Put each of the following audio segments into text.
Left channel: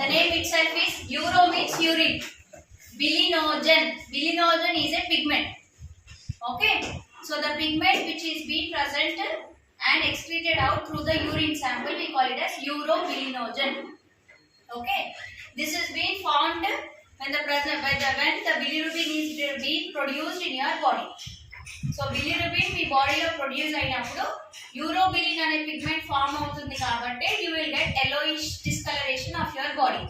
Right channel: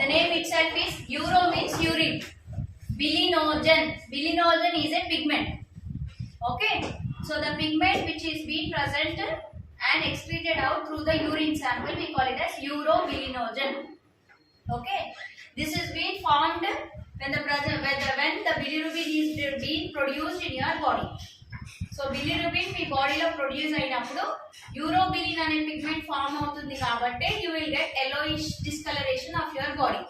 The name itself is uro means urine. Bilinogen. Bilinogen is a pigment. Okay. So the pigment which is being present and excreted out through the urine sample, we call it as urobilinogen. Okay. This is being formed when the bilirubin is being produced in your body. So bilirubin మీ బాడీలో ప్రొడ్యూస్ అయినప్పుడు యూరోబిలిన్ అనే pigment form అవుతుంది కాబట్టి you will get yellowish discoloration of your body.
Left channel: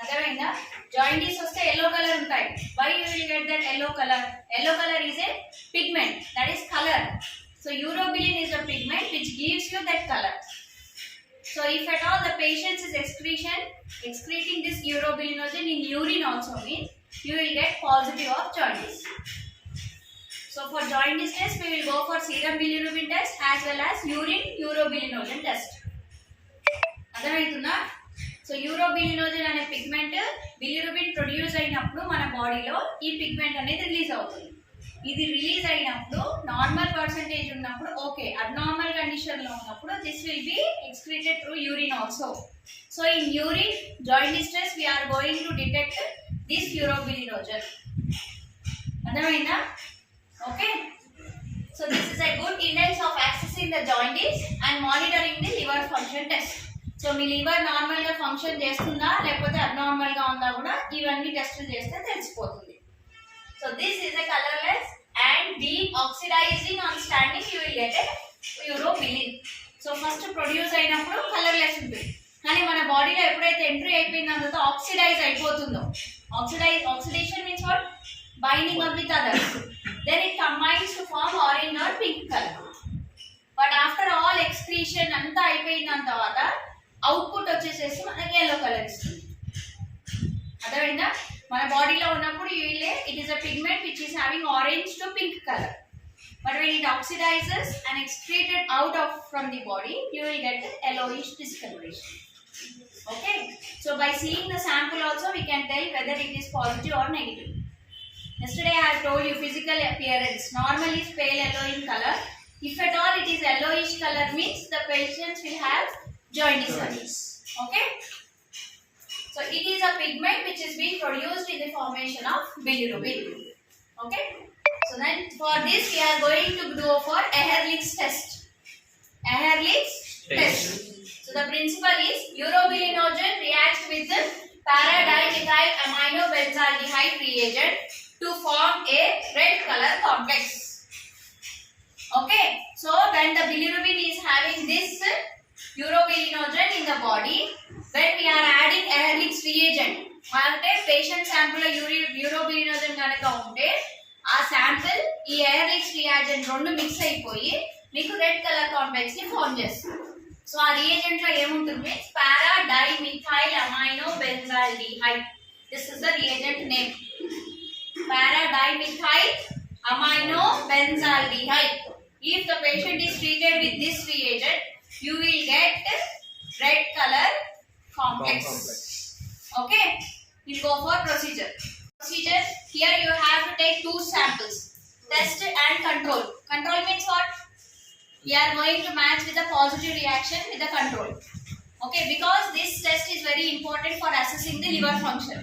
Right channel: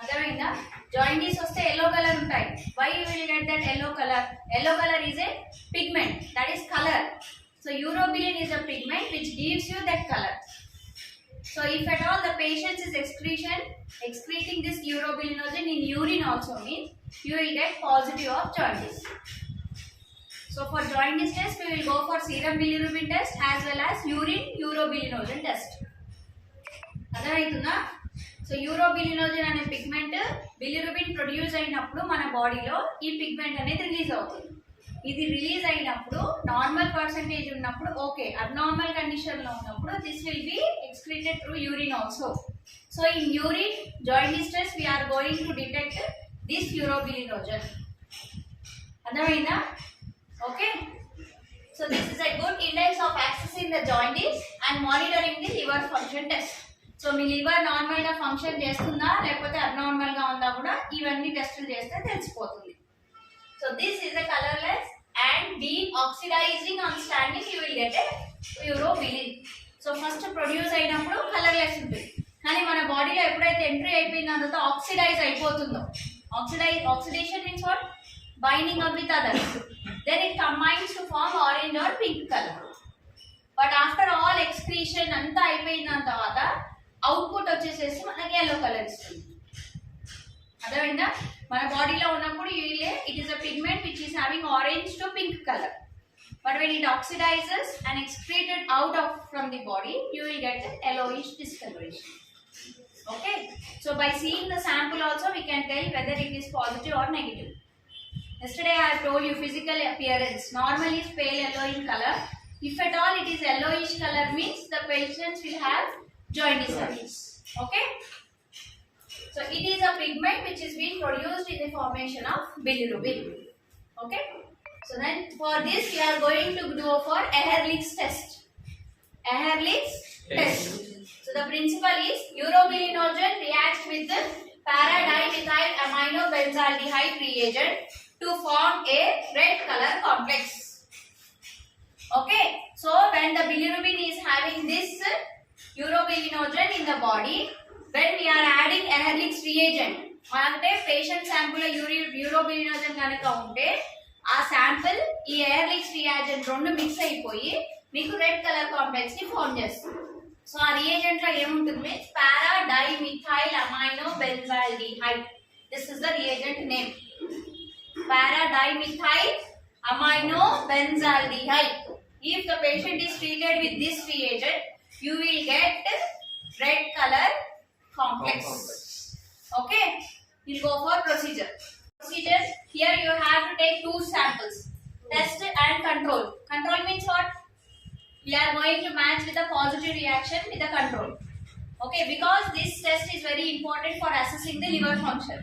అర్థమైందా? జాయింటీస్ వస్తే yellow color ఉంటాయి. Why you will get that yellow color? Yellow color is a pigment, that is color. So urobilin is a pigment which gives you that color. So if at all the patient is excreting this urobilinogen in urine also means you will get positive of jaundice. So for jaundice test we will go for serum bilirubin test as well as urine urobilinogen test. అర్థమవుతుందా? సో యూరోబిలినోజన్ అనే pigment bilirubin produce అయినప్పుడు మన బాడీలో ఈ పిగ్మెంట్ అనేది రిలీజ్ అవుతుంది. ఇది రిలీజ్ అయినప్పుడు నార్మల్ పర్సెంటేజ్ ఉన్నప్పుడు ఓకే, అబ్నార్మల్ కండిషన్లో ఉన్నప్పుడు this will be excreted through urine also. So in urine jaundice test we're going to detect this urobilinogen. అర్థమైందా? Okay. So this is a good index of accessing the jaundice and monitoring the liver function test. So me liver normal గా ఫంక్షన్ చేస్తుందా లేకపోతే అబ్నార్మల్ గా ఉందా కూడా ఇవన్నీ టెస్టులు చేస్తే తెలిసిపోతుంది. So this is a colorless and deoxidizing on standing you will get a urobilin. So first produce అయినప్పుడు కలర్లెస్ ఉంటుంది, కానీ మన బాడీలో ఎప్పుడైతే ఎంట్రీ అయిపోయిన తర్వాత ఆక్సిడైజ్ అయిపోతుందో, oxidation means what? Binding up with others, then it combines to form orange or pink color. But after all excretion anta అయిపోయిన తర్వాత అవుట్పుట్ వచ్చేసేసి మనకి yellow కలర్ ఇస్తుంది. అర్థమైందా? మన బాడీలో ఉన్నప్పుడు it is a pigment which is having orange to pink color, but when it oxidizes and excreted out of from the body you will get a yellowish discoloration. Okay, so by seeing the sample also we can tell whether it is positive or negative. Yesterday I have told you physical appearance normally is pale yellow in color. If at all it is yellowish color means the patients will have jaundice. Okay, so it is a pigment which is being produced in the formation of bilirubin. Okay, so then for this we are going to go for Ehrlich's test. Ehrlich's test. So the principle is urobilinogen reacts with the para-dimethyl aminobenzaldehyde reagent to form a red color complex. Okay, so when the bilirubin is having this urobilinogen in the body, when we are adding Ehrlich's reagent, అంటే patient sample యూరోబిలినోజన్ కనుక ఉంటే ఆ శాంపుల్ ఈ Ehrlich's reagent రెండు mix అయిపోయి మీకు red colour complex ని ఫార్మ్ చేస్తుంది. సో ఆ రియేజెంట్ లో ఏముంటుంది? Para dimethyl aminobenzaldehyde. This is the reagent name, para-dimethyl aminobenzaldehyde. If the patient is treated with this reagent, you will get red color complex. Okay, we'll go for procedure. Here you have to take two samples, test and control. Control means what? We are going to match with a positive reaction with the control. Okay, because this test is very important for assessing the liver function.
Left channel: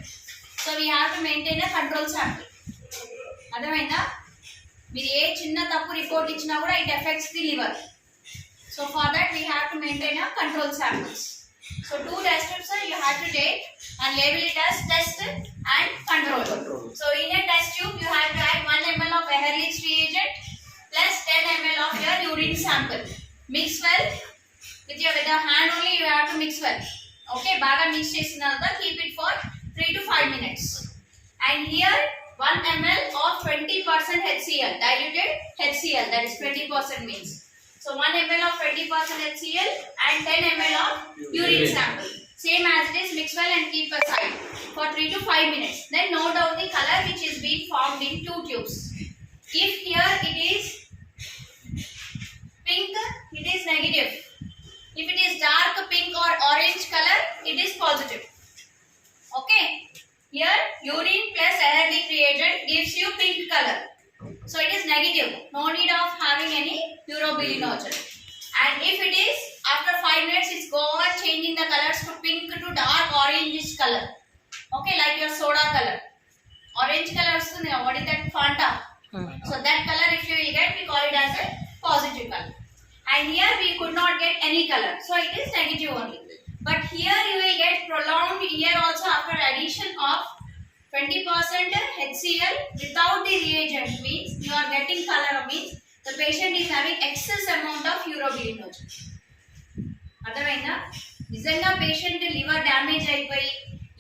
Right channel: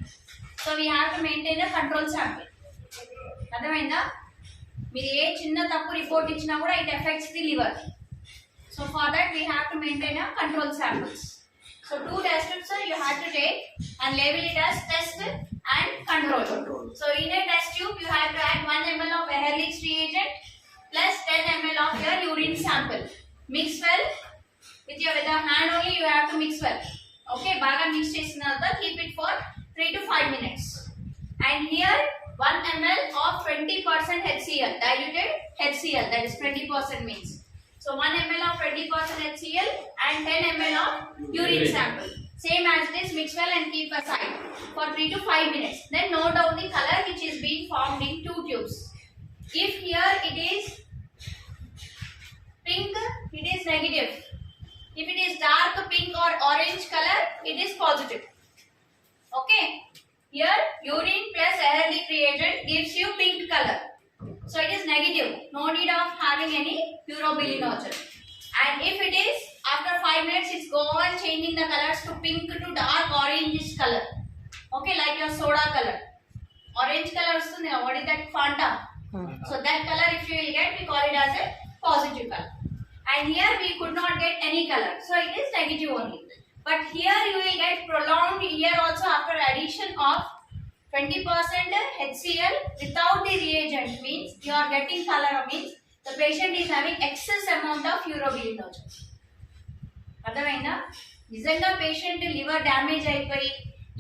So we have to maintain a control sample. అర్థమైందా? మీరు ఏ చిన్న తప్పు రిపోర్ట్ ఇచ్చినా కూడా it affects the liver. So for that we have to maintain a control samples. So two test strips you have to take and label it as test and control. So in a test tube you have to add 1 ml of Ehrlich's reagent plus 10 ml of your urine sample. Mix well with your hand only, you have to mix well. Okay, baga mix చేసిన తర్వాత keep it for 3 to 5 minutes. And here 1 ml of 20% HCl, diluted HCl, that is 20% means. So 1 ml of 20% HCl and 10 ml of urine sample. Same as it is, mix well and keep aside for 3 to 5 minutes. Then note down the color which is being formed in two tubes. If here it is pink, it is negative. If it is dark pink or orange color, it is positive. Okay, here urine plus Ehrlich reagent gives you pink color, so it is negative, no need of having any urobilinogen. And if it is after 5 minutes it's go on changing the colors to pink to dark orange color. Okay, like your soda color. Orange color vastundi. What is that? Fanta. So that color if you will get, we call it as a positive color. And here we could not get any color, so it is negative only. But here you will get prolonged here also after addition of 20% HCl without the reagent, means you are getting color, means the patient is having excess amount of urobilinogen. అర్థమైందా? నిజంగా patient liver damage అయిపోయి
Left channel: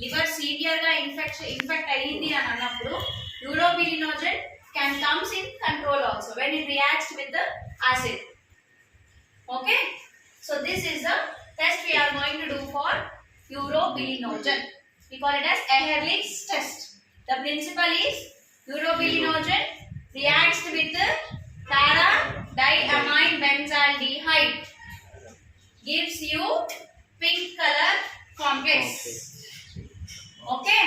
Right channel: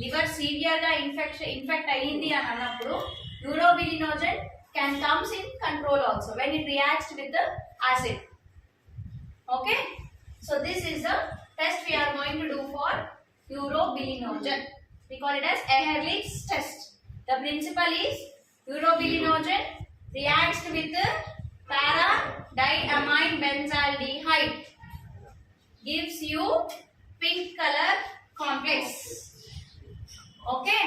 liver severe గా ఇన్ఫెక్ట్ అయ్యింది అని అన్నప్పుడు urobilinogen can comes in control also when it reacts with the acid. Okay, so this is the test we are going to do for urobilinogen. We call it as Ehrlich's test. The principle is urobilinogen reacts with the para-diamine benzaldehyde, gives you pink color complex. Okay,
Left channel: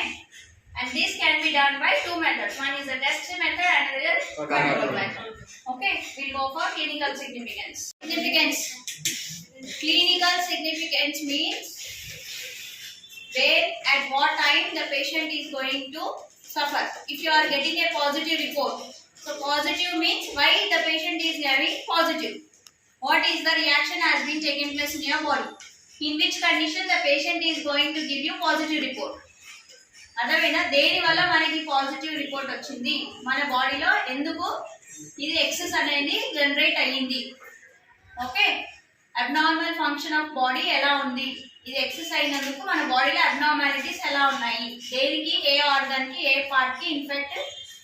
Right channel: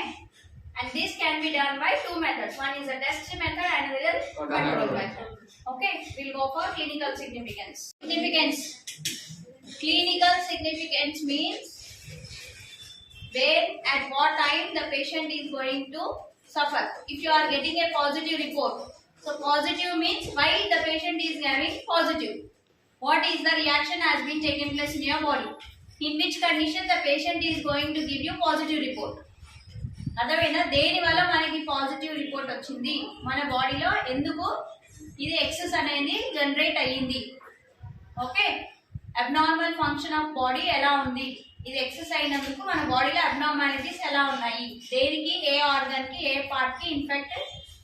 and this can be done by two methods. One is the test method and another control method. Okay, we'll go for clinical significance. Clinical significance means where at what time the patient is going to suffer. If you are getting a positive report, so positive means why the patient is having positive. What is the reaction has been taking place in your body? In which condition the patient is going to give you positive report. అర్థమైనా? దేని వల్ల మనకి positive report వచ్చింది, మన బాడీలో ఎందుకు ఇది ఎక్సెస్ అనేది జనరేట్ అయ్యింది. Okay, abnormal function of body ఎలా ఉంది, ఇది ఎక్సెస్ అయినందుకు మన బాడీలో అబ్నార్మాలిటీస్ ఎలా ఉన్నాయి, దేనికి ఏ ఆర్గన్ కి ఏ పార్ట్ కి ఇన్ఫెక్ట్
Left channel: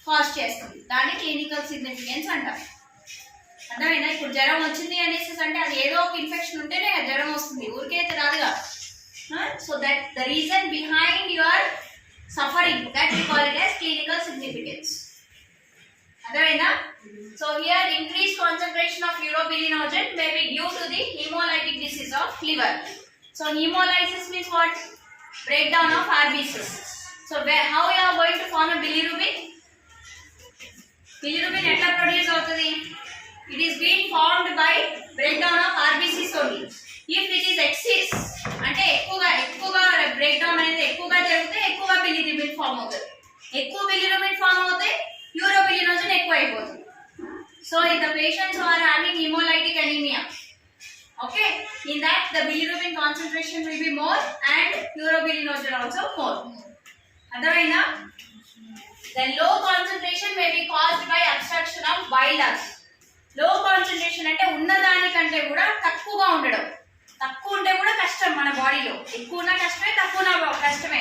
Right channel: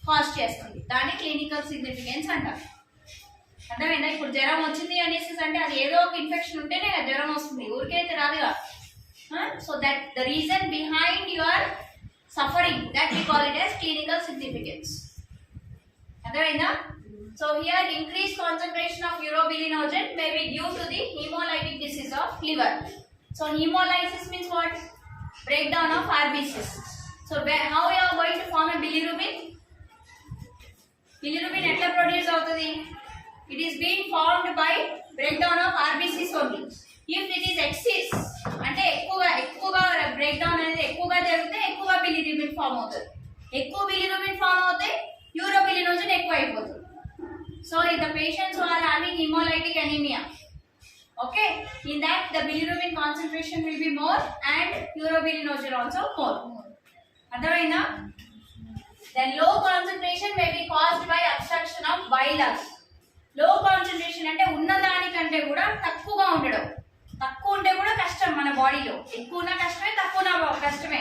కాజ్ చేస్తుంది, దాన్ని క్లినికల్ సిగ్నిఫికెన్స్ అంటారు. అర్థమైందా? ఇప్పుడు జ్వరం వచ్చింది అనేసి అంటే అది ఏదో ఒక ఇన్ఫెక్షన్ ఉంటేనే కదా జ్వరం వస్తుంది, ఊరికే రాదుగా. So that the reason behind your suffering, that we call it as clinical significance. Adavaina? So here increased concentration of urobilinogen may be due to the hemolytic disease of liver. So hemolysis means what? Breakdown of RBCs. So how you are going to form a bilirubin? Bilirubin etla produce avutadi? It is being formed by breakdown of RBCs only. If it is excess అంటే ఎక్కువగా break down అనేది ఎక్కువగా జరిగితే ఎక్కువగా bilirubin form అవుతుంది. ఎక్కువ bilirubin form అవుతే urobilinogen ఎక్కువ అయిపోతుంది. So in the patients who are having hemolytic anemia, okay, in that the bilirubin concentration will be more and urobilinogen also more. అర్థమైందా? Then low concentration may be caused by obstruction of bile ducts. లో కాన్సంట్రేషన్ అంటే ఉన్నదానికంటే కూడా తక్కువగా ఉండడం. తక్కువ ఉంటే కూడా కష్టం మన బాడీలో, ఎక్కువ ఉన్న కష్టమే, తక్కువ ఉన్న కష్టమే.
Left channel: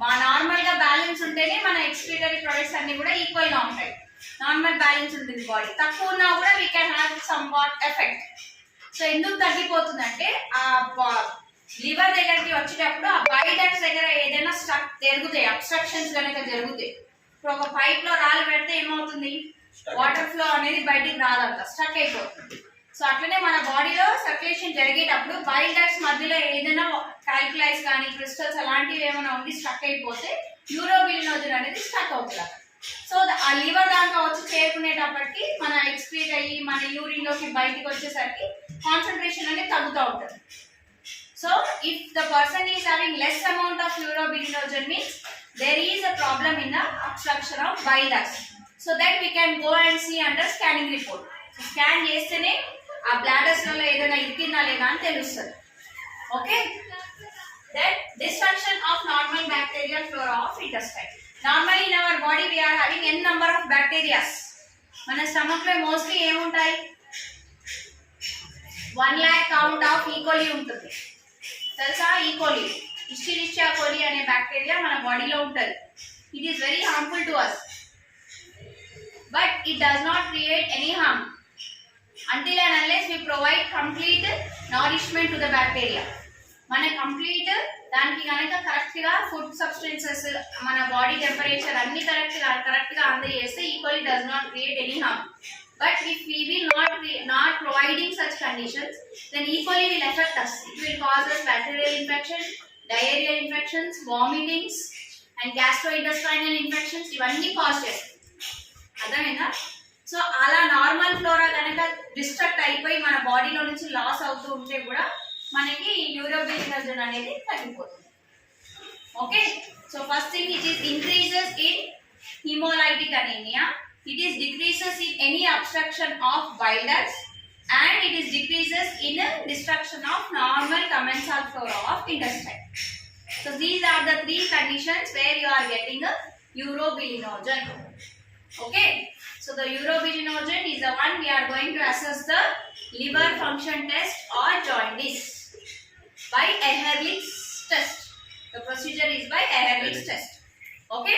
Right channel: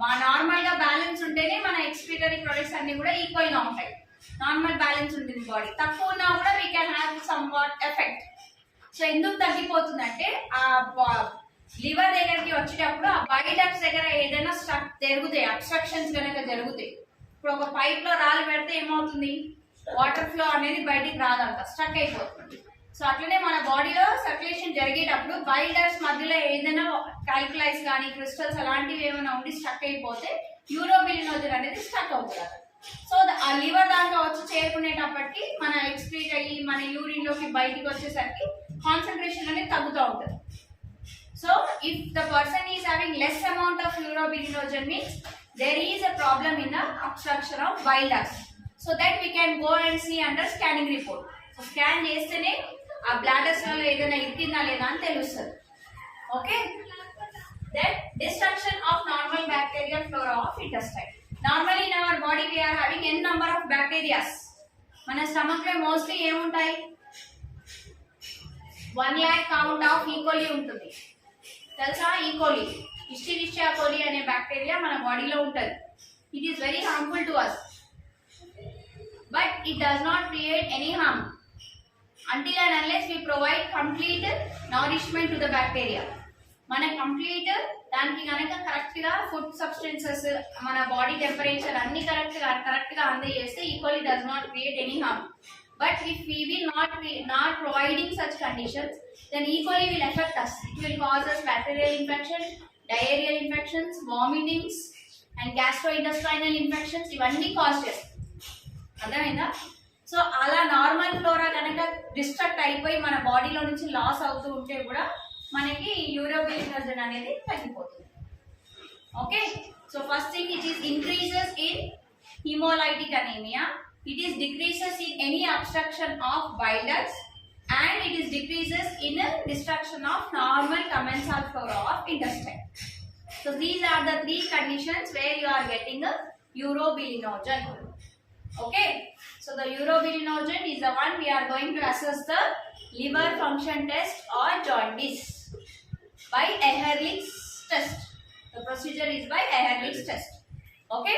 మా నార్మల్ గా బ్యాలెన్స్ ఉంటేనే మన ఎక్స్క్రీటరీ ప్రొడక్ట్స్ అన్ని కూడా ఈక్వల్ గా ఉంటాయి. నార్మల్ బ్యాలెన్స్ ఉంటుంది బాడీ, తక్కువ ఉన్నా కూడా we can have some what effect. So ఎందుకు తగ్గిపోతుందంటే ఆ లివర్ దగ్గరికి వచ్చేటప్పుడు ఆ బైల్ డక్ట్స్ దగ్గర ఏదైనా స్ట్రక్ జరుగుతాయి, అబ్స్ట్రక్షన్స్ కనుక జరుగుతాయి. ఇప్పుడు ఒక పైప్ లో రాళ్ళు పెడితే ఏమవుతుంది, వాటర్ ఫ్లో అనేది బయటికి రాదంట, స్ట్రక్ అయిపోతుంది. సో అట్లనే మన బాడీలో సర్క్యులేషన్ జరిగేటప్పుడు బైల్ డక్ట్స్ మధ్యలో ఏదైనా క్యాల్కులైస్ కానీ క్రిస్టల్స్ అలాంటివి ఏమైనా ఉండి స్ట్రక్ అయిపోతే యూరోబిలినోజన్ అనేది స్ట్రక్ అవుతుంది. సో ఆ లివర్ దాకా వచ్చి చేరుకునేటప్పటికి మన ఎక్స్క్రీట్ అయ్యి మన యూరిన్ లోకి బయటికి వచ్చేసరికి కాన్సన్ట్రేషన్ అనేది తగ్గుతూ ఉంటుంది. So if the person is having less amount of urobilinogen means there is a problem in the obstruction of bile ducts, so that we can go and see under scanning report. So scan chestene aa bladders lo edaina irkinda ledha ani telustadi. Okay, that destruction of normal bacterial flora of intestine. Normally in our body we are having n number of bacteria. Mana stomach lo mostly em untayi 1 lakh count of E. coli untundi telusa. E. coli, Escherichia coli అనే bacteria మన బాడీలో ఉంటుంది. It is very harmful to us, but it does not create any harm until and unless we provide complete nourishment to the bacteria. మన కంప్లీట్ దానికి కనుక కరెక్ట్ గా food substances మన body temperature అన్ని కరెక్ట్ గా అందజేస్తే E. coli does not create any harm. But if we will not providing such conditions, then E. coli will affect us. It will cause us bacterial infection, diarrheal infections, vomitings and gastrointestinal infections. ఇవన్నీ కాజ్ చేస్తాయి. అర్థమైందా? సో అలా normal flora కనుక డిస్ట్రక్ట్ అయిపోయి మన బాడీలో నుంచి లాస్ అవుతూ ఉంటే కూడా మనకి యూరోబిలినోజన్ అనేది తగ్గిపోతుంది. Okay. So first thing, it is increases in hemolytic anemia. It is decreases in any obstruction of bile ducts, and it is decreases in destruction of normal commensal flora of intestine. So these are the three conditions where you are getting a urobilinogen. Okay. So the urobilinogen is the one we are going to assess the liver function test or jaundice by Ehrlich's test. The procedure is by Ehrlich's test. Okay.